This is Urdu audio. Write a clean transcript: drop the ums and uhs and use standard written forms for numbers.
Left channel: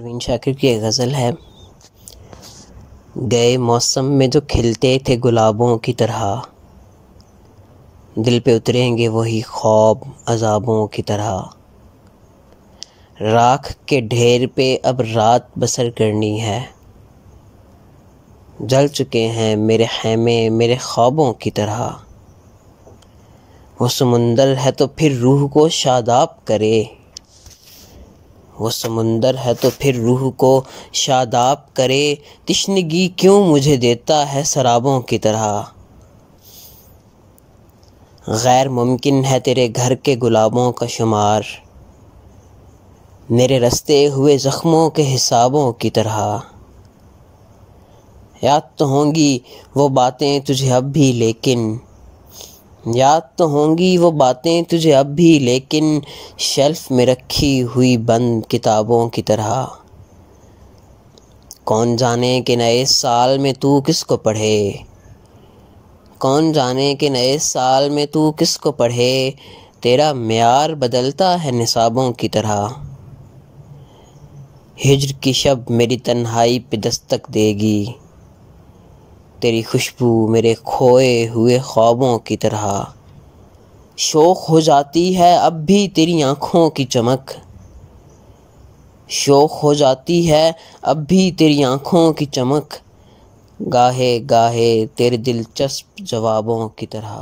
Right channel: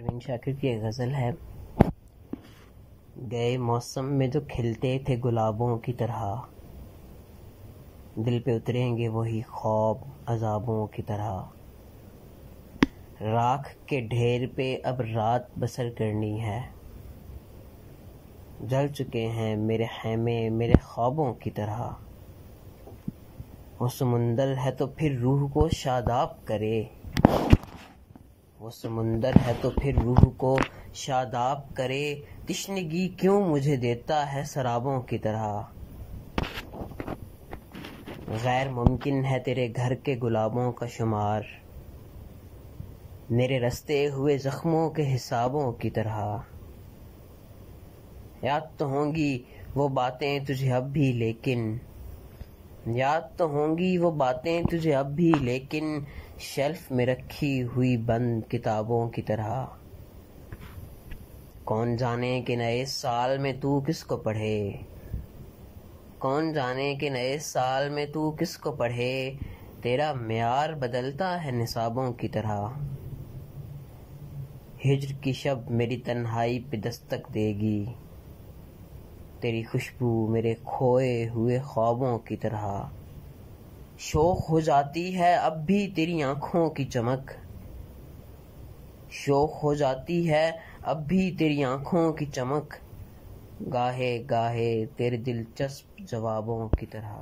پروین شاکر کی ایک غزل ہے، گئے موسم میں جو کھلتے تھے گلابوں کی طرح، دل پہ اتریں گے وہی خواب عذابوں کی طرح، راکھ کے ڈھیر پہ اب رات بسر کرنی ہے، جل چکے ہیں میرے خیمے میرے خوابوں کی طرح، وہ سمندر ہے تو پھر روح کو شاداب کرے، وہ سمندر ہے تو پھر روح کو شاداب کرے، تشنگی کیوں مجھے دیتا ہے سرابوں کی طرح، غیر ممکن ہے تیرے گھر کے گلابوں کا شمار، میرے رستے ہوئے زخموں کے حسابوں کی طرح، یاد تو ہوں گی وہ باتیں تجھے اب بھی لیکن، یاد تو ہوں گی وہ باتیں تجھے اب بھی لیکن، شیلف میں رکھی ہوئی بند کتابوں کی طرح، کون جانے کہ نئے سال میں تو کس کو پڑھے، کون جانے کہ نئے سال میں تو کس کو پڑھے، تیرا معیار بدلتا ہے نصابوں کی طرح، ہجر کی شب میری تنہائی پہ دستک دے گی، تیری خوشبو میرے کھوئے ہوئے خوابوں کی طرح، شوق ہو جاتی ہے اب بھی تیری آنکھوں کی چمک، شوق ہو جاتی ہے اب بھی تیری آنکھوں کی چمک، گاہے گاہے تیرے دلچسپ جوابوں کی طرح۔